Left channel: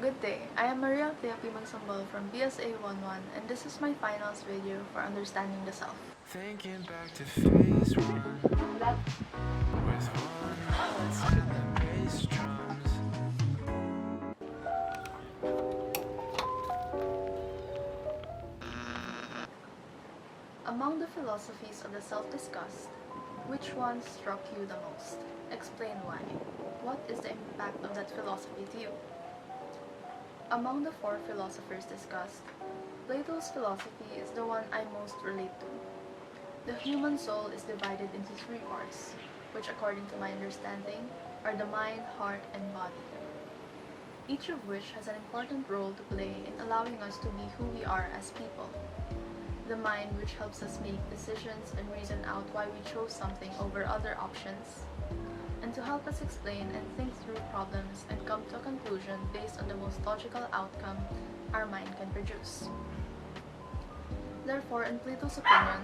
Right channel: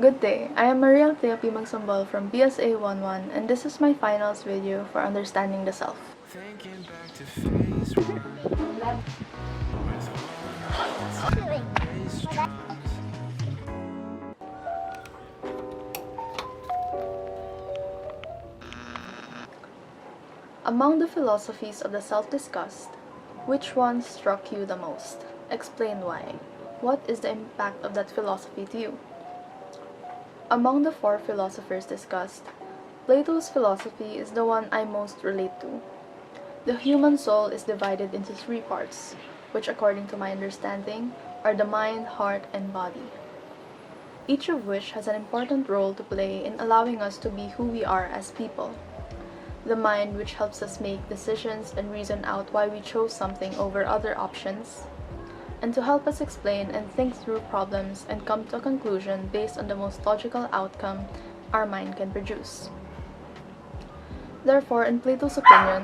Good day, I am ALTHEA MAGSOMBOL from BSA1-1 and this is my finals video for understanding the self. Thinking back to phase one with one notes and bass drums. Among the philosophies of the self discussed, which one struck you the most? Explain why. What is the impact of that philosophy to you? Among the four philosophers discussed, Plato's philosophy is the one I most relate to. The human soul is divided into three parts, which according to my understanding are the mind, heart, and body. Each of which has an important role to play in allowing us to be who we are as people. The mind, which helps us make decisions and reason out why we chose something over other options, and to help us explain and think through problems and come to a conclusion based on the most logical outcome our mind can produce. Therefore, in Plato's opinion,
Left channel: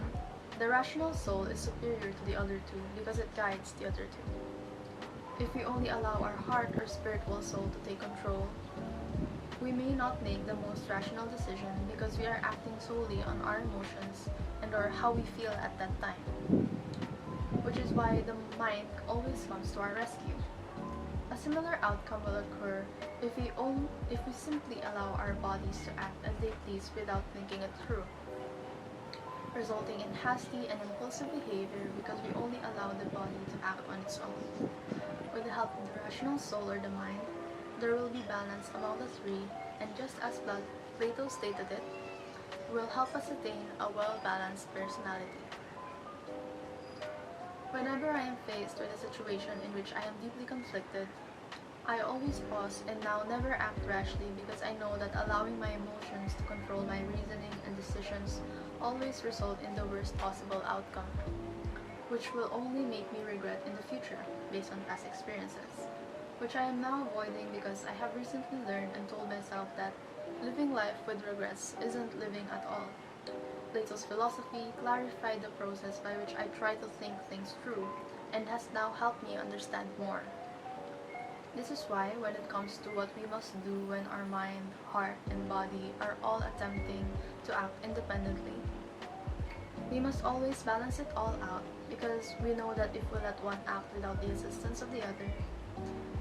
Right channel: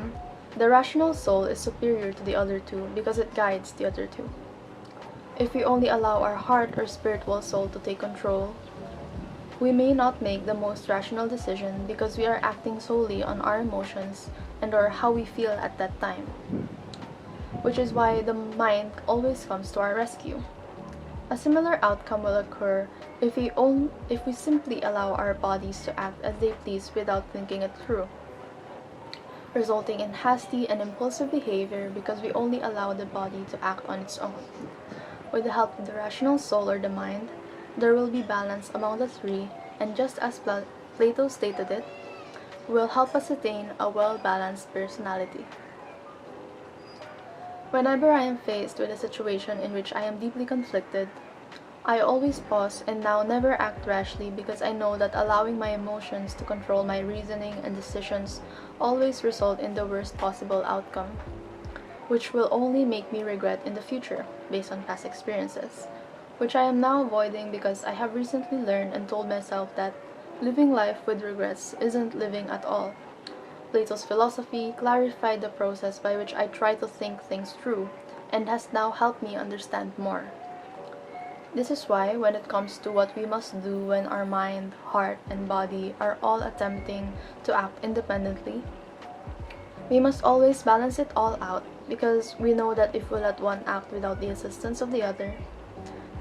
the rational soul is superior to the other two because it guides the other two. If we only allow our heart or spiritual soul to take control, we may not make the most rational decision because we are acting solely on our emotions and or how we feel at that time, which is why the mind always comes to our rescue. A similar outcome will occur if we simply allow our bodies to act as they please without thinking it through, resulting in hasty and impulsive behavior because we only allow the body to act on its own. With the help of the rational soul or the mind, there will be balance among the three, and just as Plato stated it, will help us attain a well-balanced personality. Whenever I am faced with a situation in which I am deeply conflicted, I always pause and now never act rashly because I know that allowing my emotions to control my reasoning and decisions always result in the worst possible outcome, which will only make me regret in the future based on past experiences, which I am now avoiding because I have recently learned and told myself that living life with regrets isn't living at all. Plato's philosophy clarified the process by which I try to think things through and has now helped me understand more. This is why when it comes to what we must do when our mind, heart, and body are all attempting to act independently, we must always balance it all out because we know that if we let one act without the assistance of the other,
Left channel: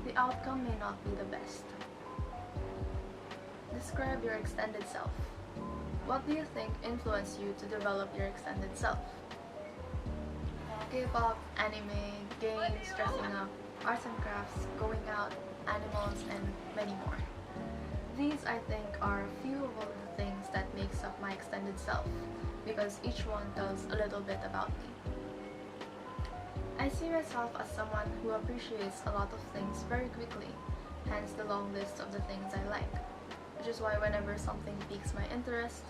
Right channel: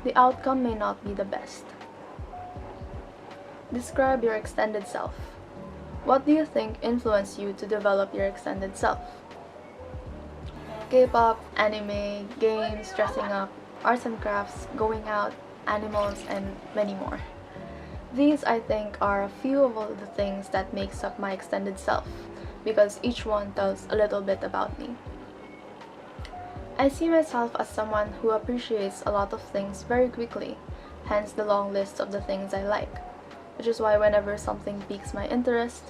the outcome may not be the best. Describe your extended self. What do you think influenced you to develop your extended self? K-pop, anime, games, dressing up, arts and crafts, going out, animals, and many more. These, I think, are a few of all the things that makes up my extended self, because each one tells a little bit about me. I see myself as someone who appreciates a lot of things very quickly, hence the long list of the things I like, which is why whenever something piques my interest,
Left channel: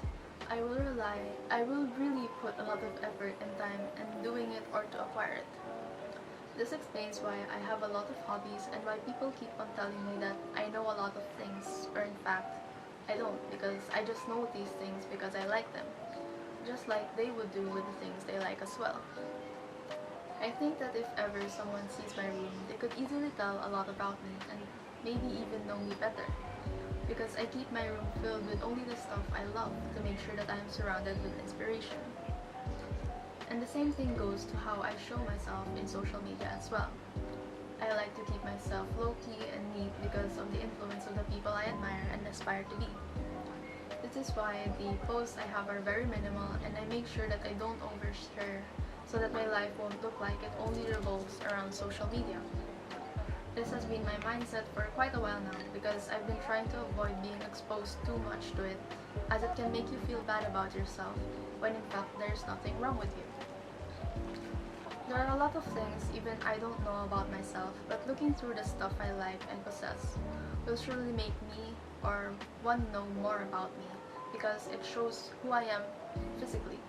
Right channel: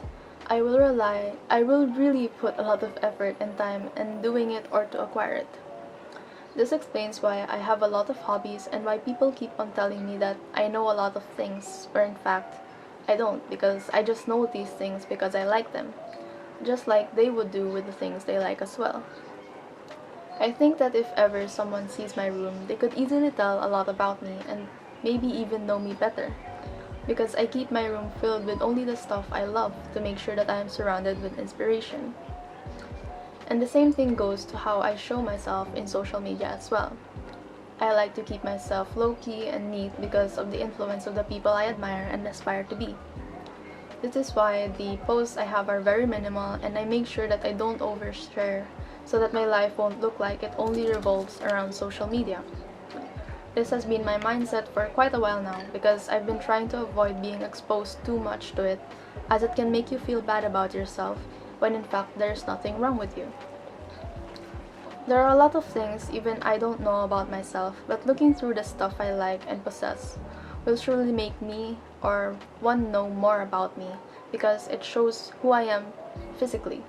I will really put a lot of effort and time in doing it or to acquire it. This explains why I have a lot of hobbies and why people keep on telling me that I know a lot of things, where in fact, I don't, because I just know these things because I like them, just like they would do with the things they like as well. I think that if ever someone sees my room, they could easily tell a lot about me and maybe even know me better, because I keep my room filled with only the stuff I love to make sure that I am surrounded with inspiration. And the same thing goes to how I show myself in social media as well. I like to keep myself low-key and neat because of the influence of the people I admire and aspire to be. This is why the posts I have are very minimal, and I make sure that I don't overshare so that my life won't look like it only revolves around social media. This has been my mindset for quite a while now because I've been trying to avoid being exposed too much to it, as it can make you feel bad about yourself when in fact there's nothing wrong with you. There are a lot of things even I don't know about myself, but looking through the stuff I like and possess will surely make me or one know more about me because it shows who I am physically.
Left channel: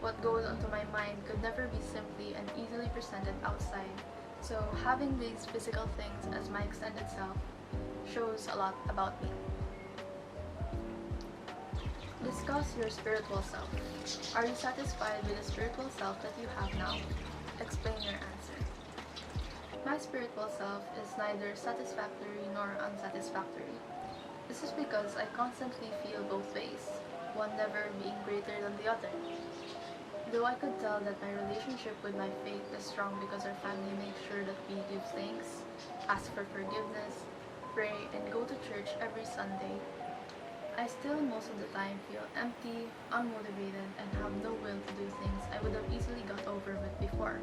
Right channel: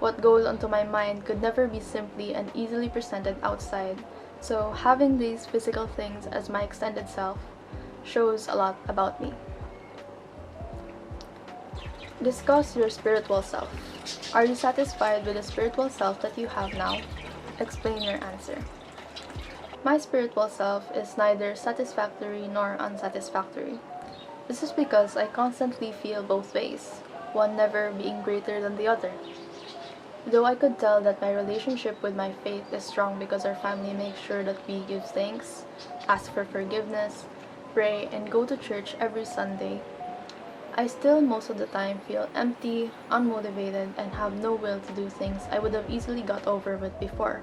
What goes onto my mind could never be simply and easily presented outside, so having these physical things as my extended self shows a lot about me. Discuss your spiritual self. Are you satisfied with the spiritual self that you have now? Explain your answer. My spiritual self is neither satisfactory nor unsatisfactory. This is because I constantly feel both ways, one never being greater than the other. Though I could tell that my relationship with my faith is strong because our family makes sure that we give thanks, ask for forgiveness, pray, and go to church every Sunday, I still most of the time feel empty, unmotivated, and have no will to do things I would have easily got over with before.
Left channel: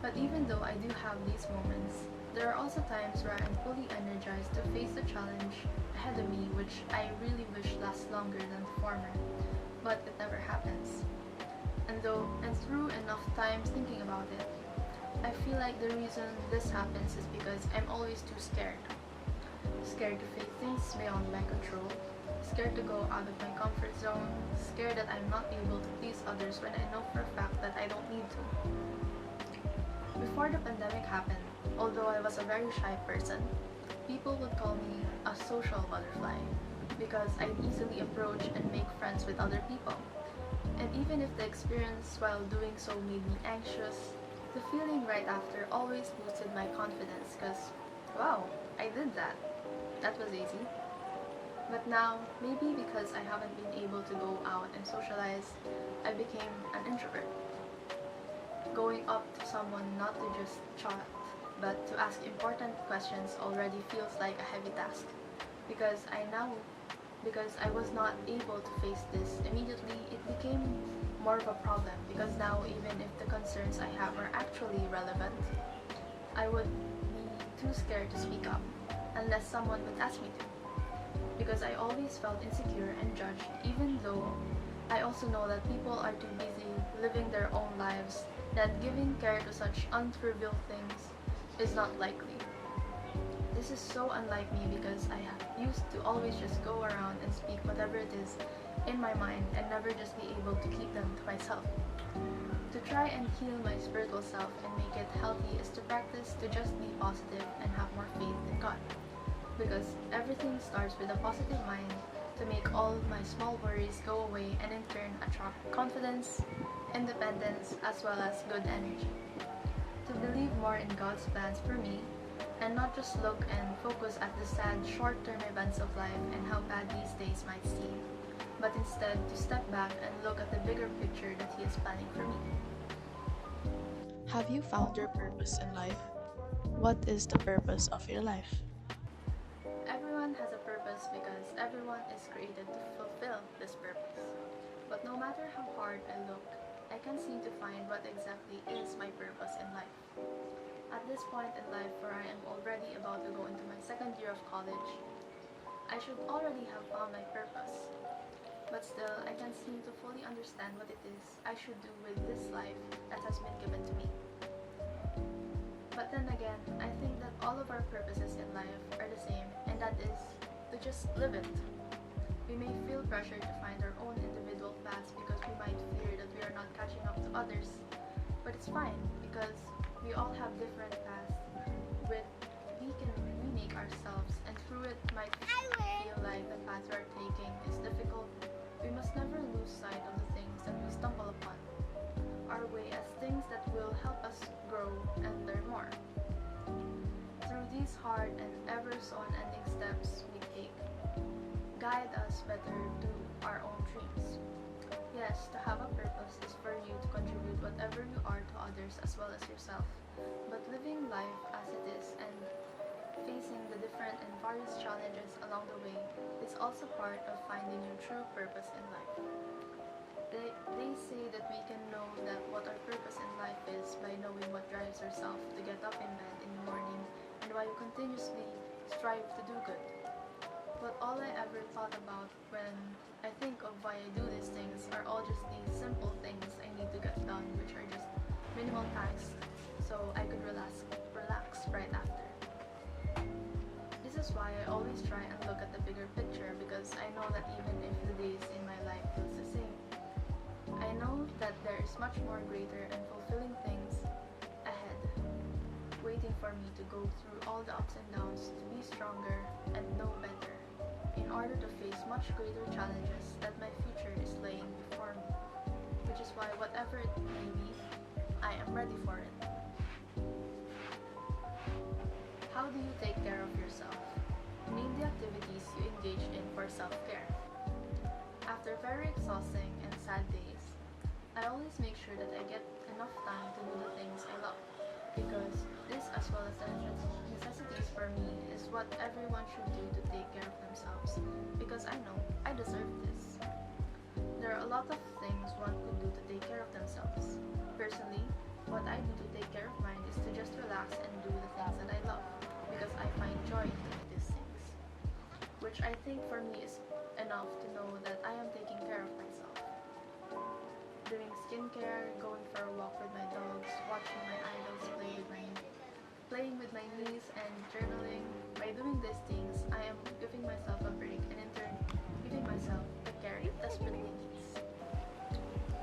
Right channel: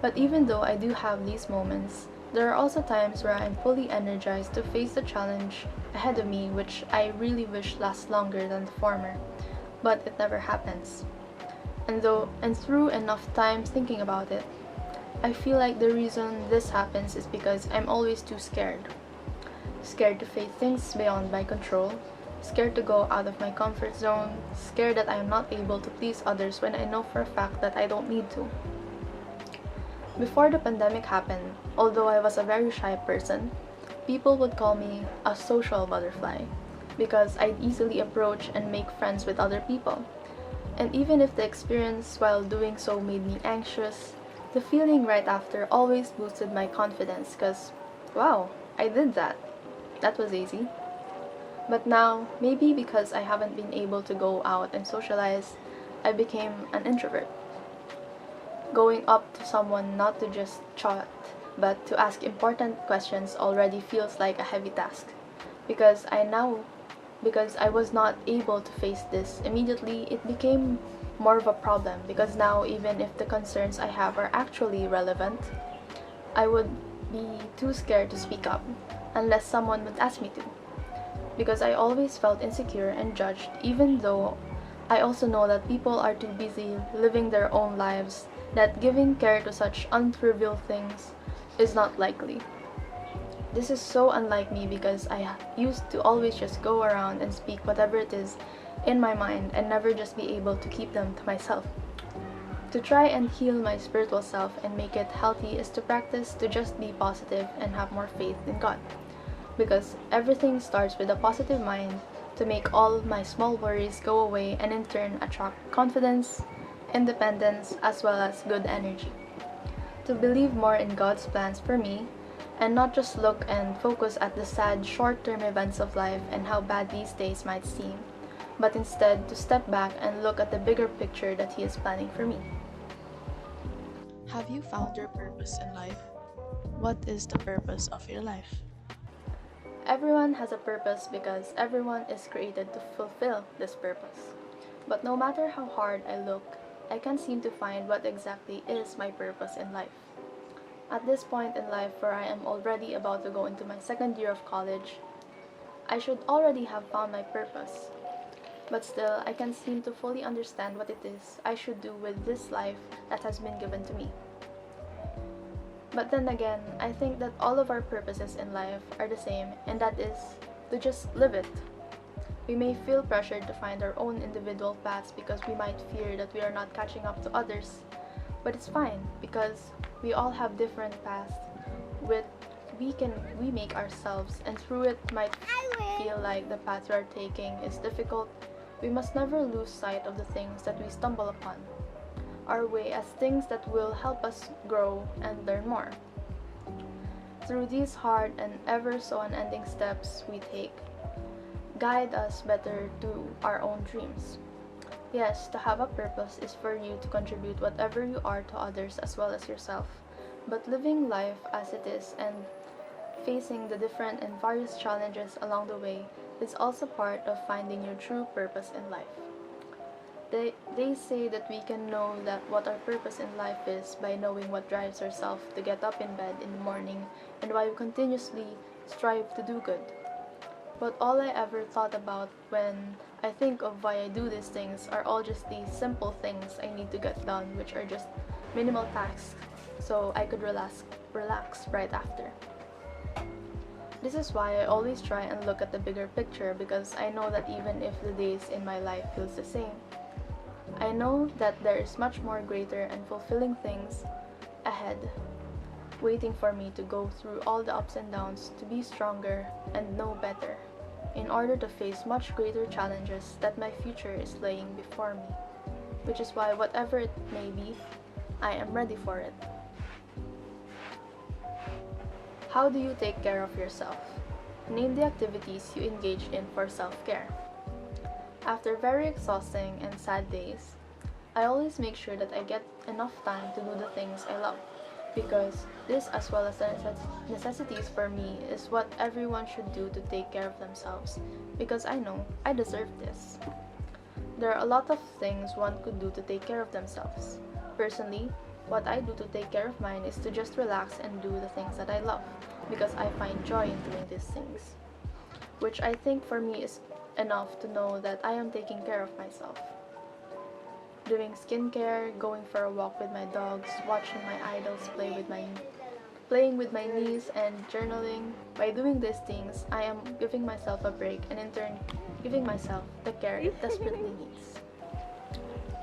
But even though I do have these moments, there are also times where I'm fully energized to face the challenge ahead of me, which I really wish lasts longer than the former, but it never happens. And through enough time thinking about it, I feel like the reason this happens is because I'm always too scared. Scared to face things beyond my control, scared to go out of my comfort zone, scared that I am not able to please others when I know for a fact that I don't need to. Before the pandemic happened, although I was a very shy person, people would call me a social butterfly because I'd easily approach and make friends with other people. And even if the experience while doing so made me anxious, the feeling right after always boosted my confidence because, wow, I did that. That was easy. But now, maybe because I haven't been able to go out and socialize, I became an introvert. Going up to someone not to just chat, but to ask important questions already feels like a heavy task. Because I now because I was not able to face this immediately, it became more of a problem because now even if the concerns I have are actually relevant, I would be too scared to speak up unless someone would ask me to. Because I always felt insecure and judged even though I also know that people are too busy living their own lives that giving care to such untrivial things is not likely. This is so unlike me because I used to always just go around and speak whatever it is in my mind and never just be able to keep them to myself. To try and heal my spiritual self and make it healthy is to practice to just be positive and have more faith in God. Because everything starts with a positive mind to make all my small worries go away and in turn attract confidence, independence, as well as good energy. To believe more in God's plans for me and not just look and focus at the sad short-term events of life and how bad these days might seem, but instead to step back and look at the bigger picture that He is planning for me. Have you found your purpose in life? What is the purpose of your life? Everyone has a purpose because everyone is created to fulfill this purpose. But no matter how hard I look, I can't seem to find what exactly is my purpose in life. At this point in life where I am already about to go into my second year of college, I should already have found my purpose. But still, I can't seem to fully understand what it is I should do with this life that has been given to me. But then again, I think that all of our purposes in life are the same, and that is to just live it. We may feel pressured to find our own individual paths because we might fear that we are not catching up to others. But it's fine because we all have different paths with we make ourselves, and through it might feel like the path we are taking is difficult. We must never lose sight of the things that we stumble upon, our way as things that will help us grow and learn more. Through these hard and ever so unending steps we take, guide us better to our own dreams. Yes, to have a purpose is for you to contribute whatever you are to others as well as yourself, but living life as it is and facing the different and various challenges along the way is also part of finding your true purpose in life. They say that we can know that what our purpose in life is by knowing what drives ourselves to get up in bed in the morning and why we continuously strive to do good. But all I ever thought about when I think of why I do these things are all just these simple things I need to get done, which are just minimal tasks so I could relax right after. This is why I always try and look at the bigger picture because I know that even if the days in my life feels the same, I know that there is much more greater and fulfilling things ahead, waiting for me to go through all the ups and downs to be stronger and know better, in order to face much greater challenges that my future is laying before me, which is why whatever it may be, I am ready for it. How do you take care of yourself? name the activities you engage in for self-care. After very exhausting and sad days, I always make sure that I get enough time to do the things I love, because this, as well as the necessities for me, is what everyone should do to take care of themselves, because I know I deserve this. There are a lot of things one could do to take care of themselves. Personally, what I do to take care of mine is to just relax and do the things that I love, because I find joy in doing these things, which I think for me is enough to know that I am taking care of myself. Doing skincare, going for a walk with my dogs, watching my idols playing with my niece, and journaling. By doing these things, I am giving myself a break and in turn giving myself the care it desperately needs.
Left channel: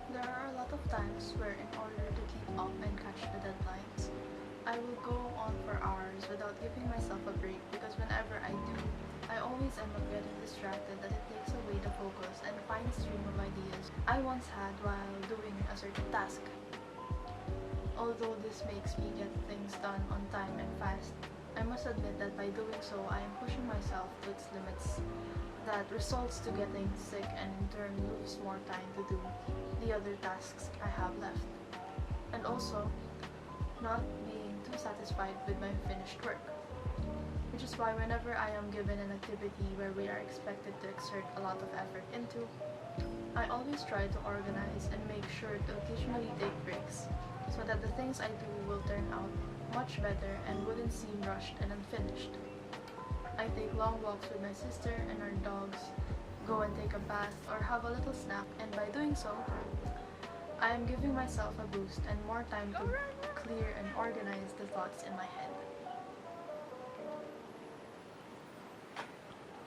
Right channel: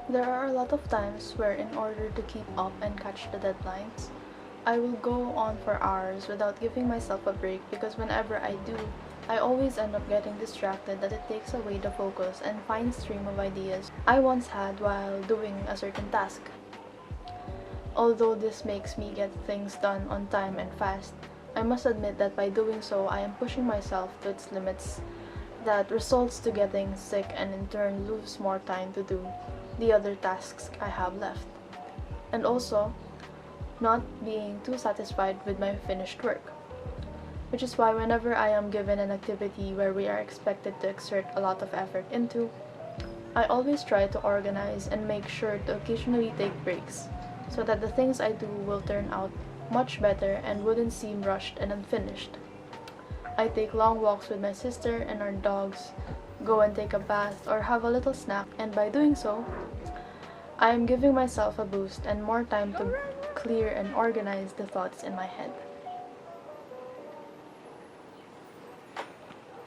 There are a lot of times where, in order to keep up and catch the deadlines, I will go on for hours without giving myself a break, because whenever I do, I always end up getting distracted that it takes away the focus and fine stream of ideas I once had while doing a certain task. Although this makes me get things done on time and fast, I must admit that by doing so, I am pushing myself to its limits, that results to getting sick and in turn lose more time to do the other tasks I have left. And also, not being too satisfied with my finished work. Which is why whenever I am given an activity where we are expected to exert a lot of effort into, I always try to organize and make sure to occasionally take breaks, so that the things I do will turn out much better and wouldn't seem rushed and unfinished. I take long walks with my sister and our dogs, go and take a bath or have a little snack, and by doing so, I am giving myself a boost and more time to clear and organize the thoughts in my head.